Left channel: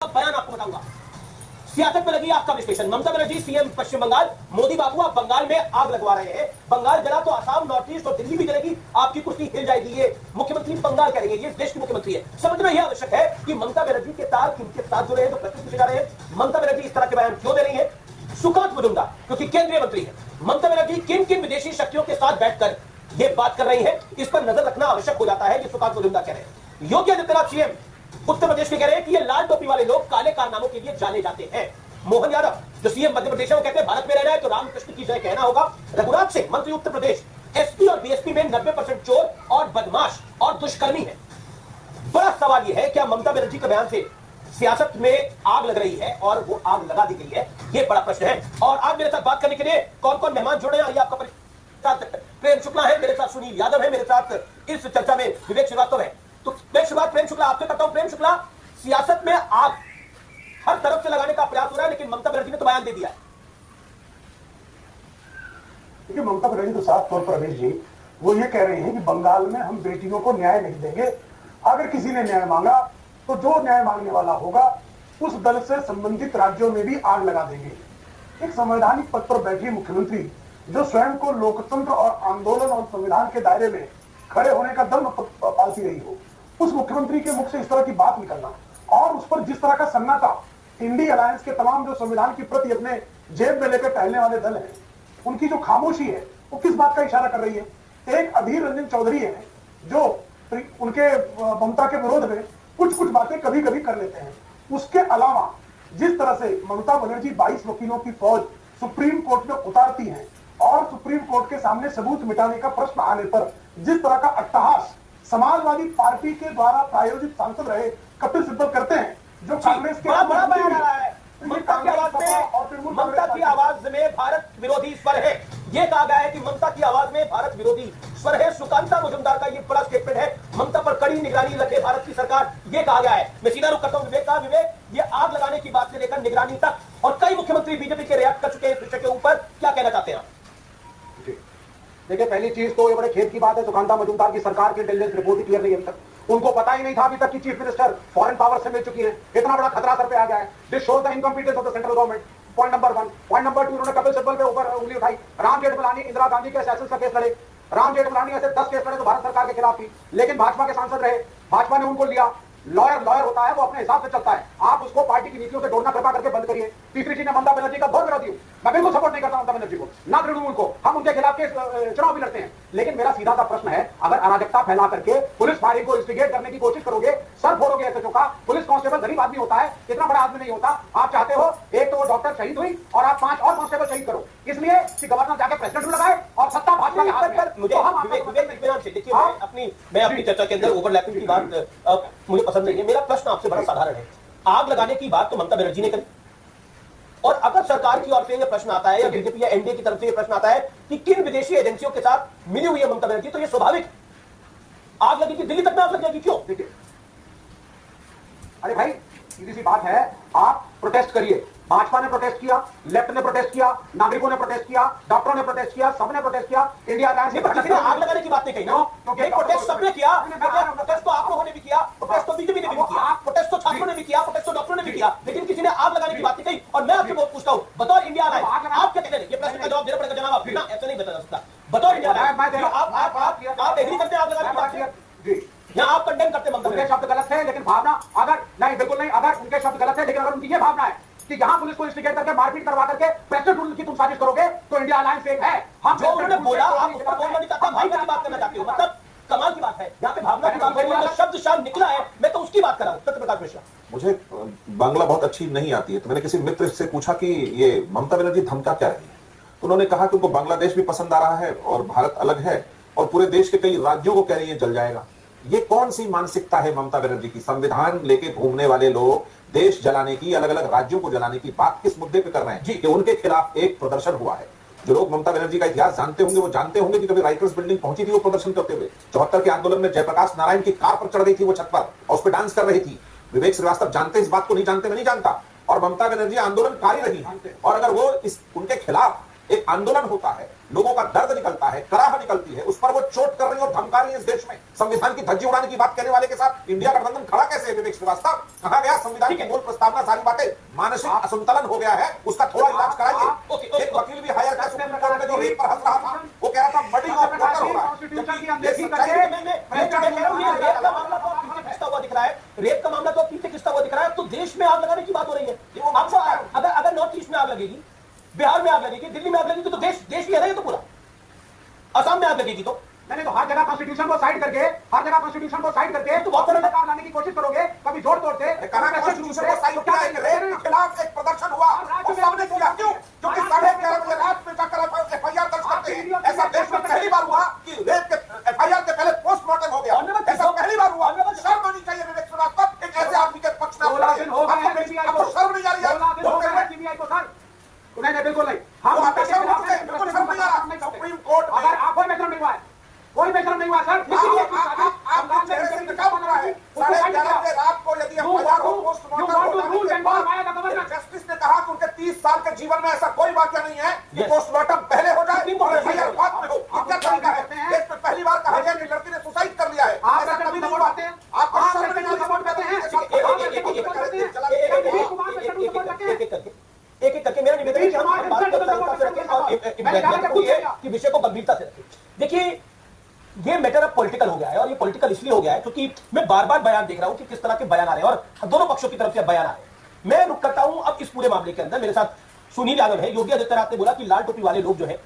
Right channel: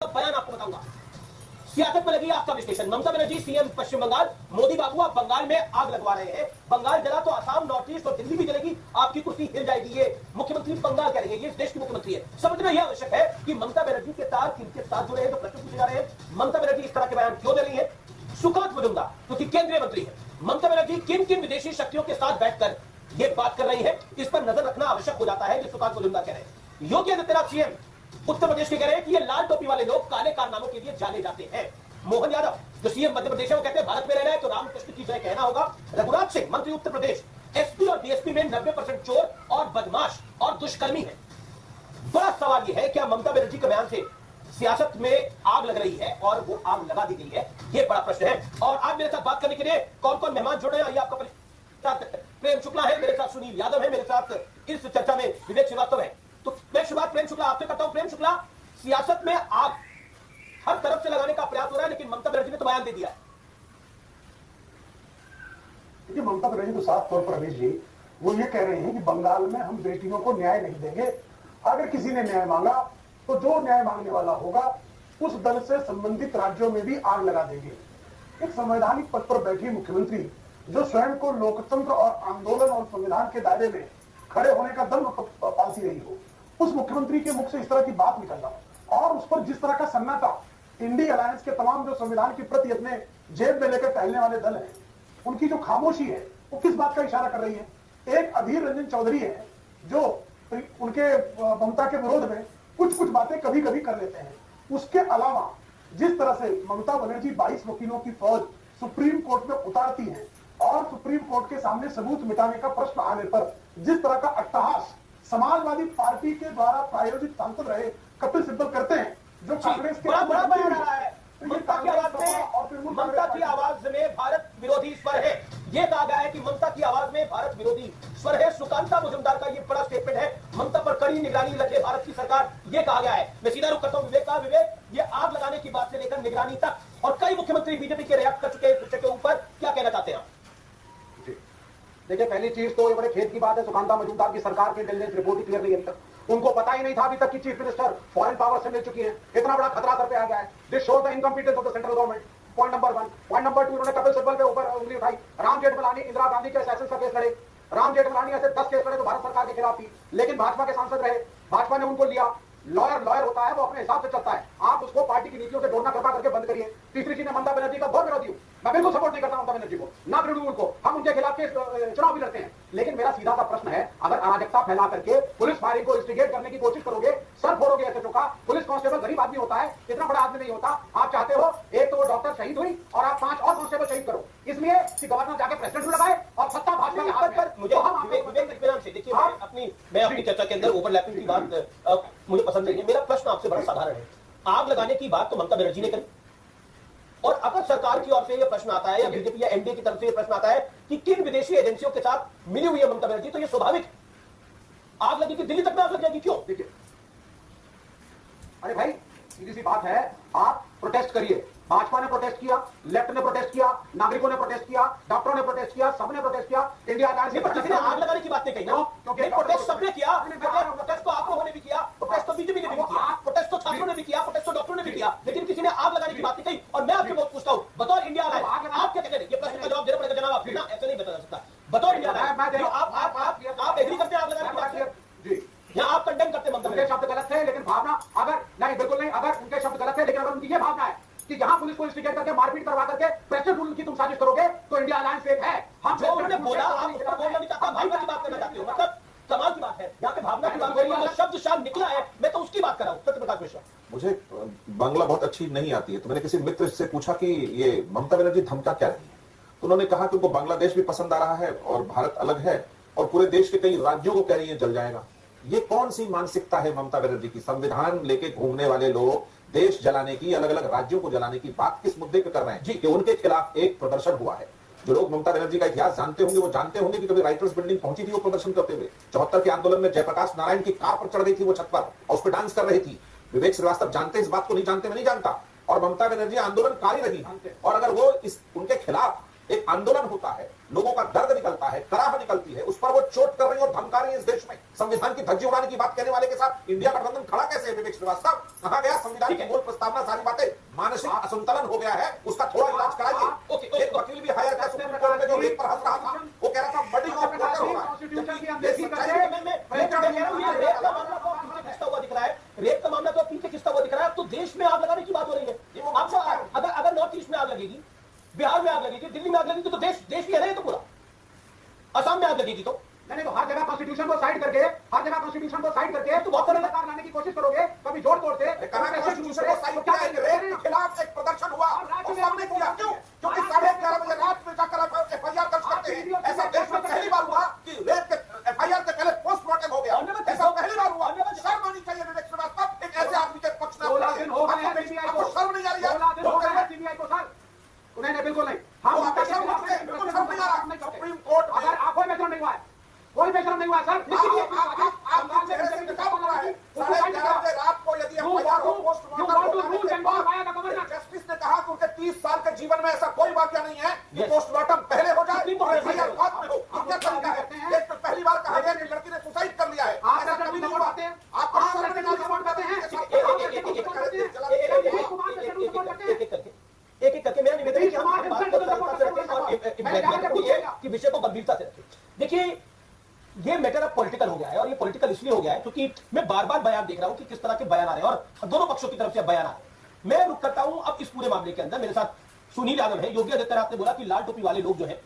बयान आपको बताऊंगा। सियासत में लगी आपका विश्लेषण। ममता बनर्जी सीएम पश्चिम बंगाल, मोदी बाबू आप बंगाल में आग लगवा रहे हैं। बंगाल जला तो आसाम, नॉर्थ ईस्ट और दिल्ली भी जलेगी, आपकी कुर्सी हिल जाएगी। ये मुख्यमंत्री बंगाल कह रही है, ये देश की मुख्यमंत्री है। समझना यह आवश्यक है कि ममता बनर्जी के तार किनके साथ जुड़े हैं, तो प्रश्न पूछे जा रहे हैं। ममता बनर्जी इस तरह के बयान क्यों दे रही है? सुकांत मुजुमदार क्योंकि केंद्रीय मंत्री है। ममता बनर्जी किन किन विदेशी शक्तियों के साथ बैठकर ये बात कर रही है, इस पर नजर रखना आवश्यक हो जाता है। ये सुकांत मुजुमदार कह रहे हैं। योगी आदित्यनाथ सीएम उत्तर प्रदेश के कह रहे हैं कि ये लाल टोपी वाले लोग काले कारनामों के लिए जाने जाते हैं। मोहन यादव जो सीएम मध्य प्रदेश है, वो कहते हैं भारत में रहना है तो रामकृष्ण की जय कहना होगा। रघुराज सिंह मंत्री उत्तर प्रदेश, एसपी और डीएसपी में 90% चोर और बदमाश और दुष्कर्मी है। बड़ा सवाल यह है क्या ममता बनर्जी के बयान से सियासत में आग लग रही है और वो आग लगा दी गई है? ये बड़ा प्रश्न है। और आज मेरे साथ बात करने के लिए कौन कौन मेहमान जुड़े हैं, आइए आपका परिचय। प्रेम शुक्ला है मेरे साथ, सुनील यादव है मेरे साथ, इस चर्चा में विवेक श्रीवास्तव है। तो मैं शुरुआत प्रेम शुक्ला आपसे करता हूं। प्रेम शुक्ला, सियासत में आग हर तरफ से लगाने का प्रयास हो रहा है, लेकिन ममता बनर्जी ने तो बयान दे दिया है। देखिए, ममता बनर्जी तो साफ तौर पर अभेश जी वो ये कह रही हैं कि बंगाल में हम बेटियों को न्याय नहीं देंगे। अगर किसी ने न्याय मांगा तो जो न्याय मांगने वाला होगा उस दल से संबंधित राज्यों में भी आग लगा देंगे। एक संवैधानिक पद पर बैठी मुख्यमंत्री जो स्वयं को लोकतंत्र और आंदोलन और संविधान के दायरे में खड़े होने का दम पालती रही हो, उस मुख्यमंत्री के मुख से इस तरह की बात निकलना और उस पर जिस तरह का सन्नाटा इंडी अलायंस के तमाम जो संविधान की प्रति अपने जेब में लेकर टहलने वाले दल हैं, उनकी जो खामोशी है वो किस बात का इशारा कर रही है? एक अधीर रंजन चौधरी है जो उनके ममता के विरोध में कुछ कुछ बातें कभी कभी कर लेते हैं। उसके अलावा जिस तरह से ममता बनर्जी 22 वकीलों की फौज सुप्रीम कोर्ट में उतारती है और सुप्रीम कोर्ट के सामने सबूत मिटाने का प्रश्न आने पर जिस तरह का अट्टहास समाजवादी पार्टी के द्वारा प्रायोजित सांसद रहे कपिल सिब्बल करते हैं, जो कांग्रेस के बड़ा बयान आ रहा है। ममता की आवाज में भारत विरोधी स्वर है। ये कहा गया है कि ममता की आवाज में भारत विरोधी स्वर है। सुकांता मुजुमदार का ये बड़ा स्टेटमेंट है। ममता पर कड़ी निगरानी रखे भारत की सरकार, ये कहा गया है। मैं सीधा रुख करता हूं विवेक का। विवेक, ये आग लगाने की बात से लेकर निगरानी तक और कई मुख्यमंत्री बीजेपी के रिएक्ट कर चुके हैं इस विषय के ऊपर, क्या कहना चाहते हैं आप? देखिए, पहली चीज तो ये बड़े खेद की बात है, सुकांता मुजुमदार की सरकार की इंटेलिजेंस रिपोर्ट ही क्लियर नहीं है अभी तक। उनको पता ही नहीं था अभी तक कि चीफ मिनिस्टर फॉरेन पावर से मिल चुकी है। इतना बड़ा खतरा सर पे आ गया है। This shows the incompetence of the central government. Point number 1। Point number 2, उन्होंने कपिल सिब्बल के ऊपर उंगली उठाई। राम जेठमलानी इंदिरा गांधी के असैसिन का केस लड़े। राम जेठमलानी ऐसे 10 केस लड़े तो भारत सरकार के खिलाफ थी, लेकिन भाजपा के सांसद रहे, भाजपा ने उनको लिया। लॉयर होता है, वो अपने हिसाब से चलता है। आप उसको पार्टी की नीतियों से जोड़ना कृपा करके बंद करिए। तीसरी चीज, ममता बनर्जी का घोर विरोधी हूं, मैं बिल्कुल सपोर्ट नहीं करता ममता बनर्जी को, ना तृणमूल को। हम उनके खिलाफ के चुनाव भी लड़ते हैं, लेकिन मेरा सीधा सा प्रश्न है, अगर अराजकता फैला करके पुलिस फायरिंग को इंस्टिगेट करने की कोशिश करोगे, सर फोड़ोगे एसएचओ का। पुलिस कांस्टेबल गरीब आदमी होता है, इतना बड़ा आदमी नहीं होता। आप चाहते हो एक तो वो डॉक्टर शहीद हुई और आप 5 और कांस्टेबल शहीद करो, इसलिए कि गवर्नर जाके प्रेसिडेंट लगाए और सत्ता भाजपा के हाथ में। मुझे मैं अपनी चर्चा के अंदर ओवरलैपिंग की बात मुझे पसंद नहीं है। मेरा प्रश्न आपसे बड़ा साधारण है। आग लगाने की बात तो ममता बनर्जी ने करी, और अगर सरकार की ओर से यह प्रश्न आता है या बीजेपी या एनडीए की तरफ से यह प्रश्न आता है कि किन विदेशी एजेंसियों के साथ मिली हुई है ममता बनर्जी, तो यह स्वाभाविक आग लगेगी, दिल्ली तक में आग लग जाएगी। क्यों? देखिए, अरे भाई, सीधी सी बात है, आप प्रोटेस्ट करिए। भाजपा ने प्रोटेस्ट किया, लेफ्ट ने प्रोटेस्ट किया, नागरिकों ने प्रोटेस्ट किया, डॉक्टरों ने प्रोटेस्ट किया, सबने प्रोटेस्ट किया। इंडिया अलायंस किसी ने आग लगाने की बात नहीं कही ना, क्योंकि प्रोटेस्ट सबने किया। प्रोटेस्ट तो आप लोगों ने भी किया, प्रोटेस्ट तो बीजेपी ने भी किया, प्रोटेस्ट तो छात्रों ने भी किया, प्रोटेस्ट तो डॉक्टरों ने भी किया, लेकिन किसी ने आग लगाने की बात नहीं कही। और मैं आपसे पूछता हूं, बतौर इंडिया अलायंस आप क्या कहते हैं? ये प्रश्न का जवाब देना पड़ेगा जनाब, आप बिना ऐसा नहीं बता सकता। बतौर इंडिया अलायंस आप एग्री करते हैं आग लगाने की बात जी, या आप कंडेम करते हैं? उनके शब्द गलत है, लेकिन भावना अगर नहीं, बिल्कुल नहीं। अगर उनके शब्द गलत है, लेकिन अगर उनकी ये भावना है कि यहां पुलिस को इंस्टिगेट करके मारपीट करवा करके प्रेसिडेंट रूल की तुम साजिश करोगे, तो इंडिया अलायंस एक है। हम जो उन्होंने बोला आप उसको बोलना नहीं चाहता, भावना की बात करना चाहते हो। मतलब कमाल की बात है, यहाँ पे भावना की बात करी, शब्द शाम निकला है, मैं तो उसकी बात कर रहा हूं। सत्यप्रकाश मिश्रा, मुझे बांग्ला बहुत अच्छी नहीं आती है, तो मैंने किसी मित्र से पूछा कि ये ममता बनर्जी धमका क्या रही है, तो उन्होंने कहा कि उनको बांग्लादेश भी पसंद आ रहा है और भारत अलग है और पूरे देश के कई राज्यों को कह रही है जल जाएगा। ये कौन सी मानसिकता है ममता बनर्जी की? संविधान लेके घूमने वाले लोग देश जलाने की, अलग अलग राज्यों को जलाने की बात किस मुद्दे पे कर रहे हैं जी? कि उनके खिलाफ एक प्रदर्शन हुआ है। जो लोग ममता बनर्जी का इतिहास जानते होंगे वो जानते होंगे कि कभी राइटर्स बिल्डिंग पहुंची थी वो प्रदर्शन करते हुए। 74 के आंदोलन में जयप्रकाश नारायण की कार पर चढ़ गई थी वो छत पर और उस पर डांस कर रही थी। विवेक श्रीवास्तव जानते इस बात को, नहीं जानते? मैं नहीं जानता। और ममता बनर्जी आंदोलनकारी रही, और अगर वो उनके खिलाफ एक आंदोलन होता है लोगों का दर्द निकलता है, कराह निकलती है, उस पर वो चोट कर रही और धमका रही है। इस देश में संविधान की धज्जी उड़ाने की बात कहने वाले के साथ इंडिया गठबंधन खड़ा कैसे है? विवेक श्रीवास्तव, कहा गया संविधान की मूल प्रस्तावना सारी बातें, मानसिक असंतुलन हो गया है, उसका थोड़ा इलाज कराइए। एक वकील भी हायर था सुप्रीम कोर्ट में जो रेप पर हंस रहा था, वो कह रहा था मर्डर ऑफ मर्डर हो रहा है। रेप का मामला तो पीछे खिंचता हुआ दिख रहा है, तो देश में आग लगाने की बात हो रही है। आपको अगर नॉर्थ ईस्ट में आग लगेगी, बिहार में आग लगेगी, दिल्ली में आग लगेगी, तो देश ही है ना ये तो पूरा। असम में आग लगेगी तो मैंने तो हर जगह कॉन्स्टिट्यूशन को साइड करके तो बहुत बड़ा सरकार लाने की कोशिश करोगे, कभी जोड़ तोड़ से कहा कॉन्स्टिट्यूशन को साइड किया है। रेप के खिलाफ एक प्रदर्शन हुआ, वो सबने किया। क्यों? क्योंकि 11:30 बजे रात में जाकर एफआईआर दर्ज करते हैं। ऐसा देश में पहली बार हुआ कि रेप के एफआईआर के पहले पोस्टमार्टम हो गया। ऐसा पहली बार हुआ। शर्म आनी चाहिए विवेक श्रीवास्तव, एक ऐसे आदमी के पक्ष में। आपको शर्म नहीं आ रही है? नहीं, बिल्कुल नहीं। हम बिल्कुल शर्म नहीं आ रहा। सुप्रीम कोर्ट में अगर कोई बेशरम नहीं हुआ है, कोई बेशरम नहीं हुआ सर। आपका चेहरे से निकाल बन रहा है। 11:30 रात को यदि एफआईआर हो, पोस्टमार्टम जस्टिस ने कहा कि उनके 30 साल के जीवन में ऐसा कोई वाक्य नहीं है कि पोस्टमार्टम पहले हो जाए और एफआईआर बाद में हो। क्या तरीका है? देश में पहली बार कहा गया कि लड़की ने सुसाइड कर लिया है। ऐसा कभी नहीं हुआ। आप शर्म नहीं एक एक करके मेरा निवेदन कि विषय को गंभीरता से रखें। देखिए, ये मैटर अब पॉलिटिकल हो गया है, और ये पॉलिटिकल इसलिए हो गया है क्योंकि मैं बार बार बयान देख रहा हूं कि किस तरह के बयान आ रहे हैं और दोनों पक्षों की तरफ से बयान आ रहे हैं। मैं रुक करता हूं अब इस पूरे मामले के अंदर। मेरे साथ सुनील यादव है। योगी आदित्यनाथ ने बोला कि लाल टोपी वाले लोग जो है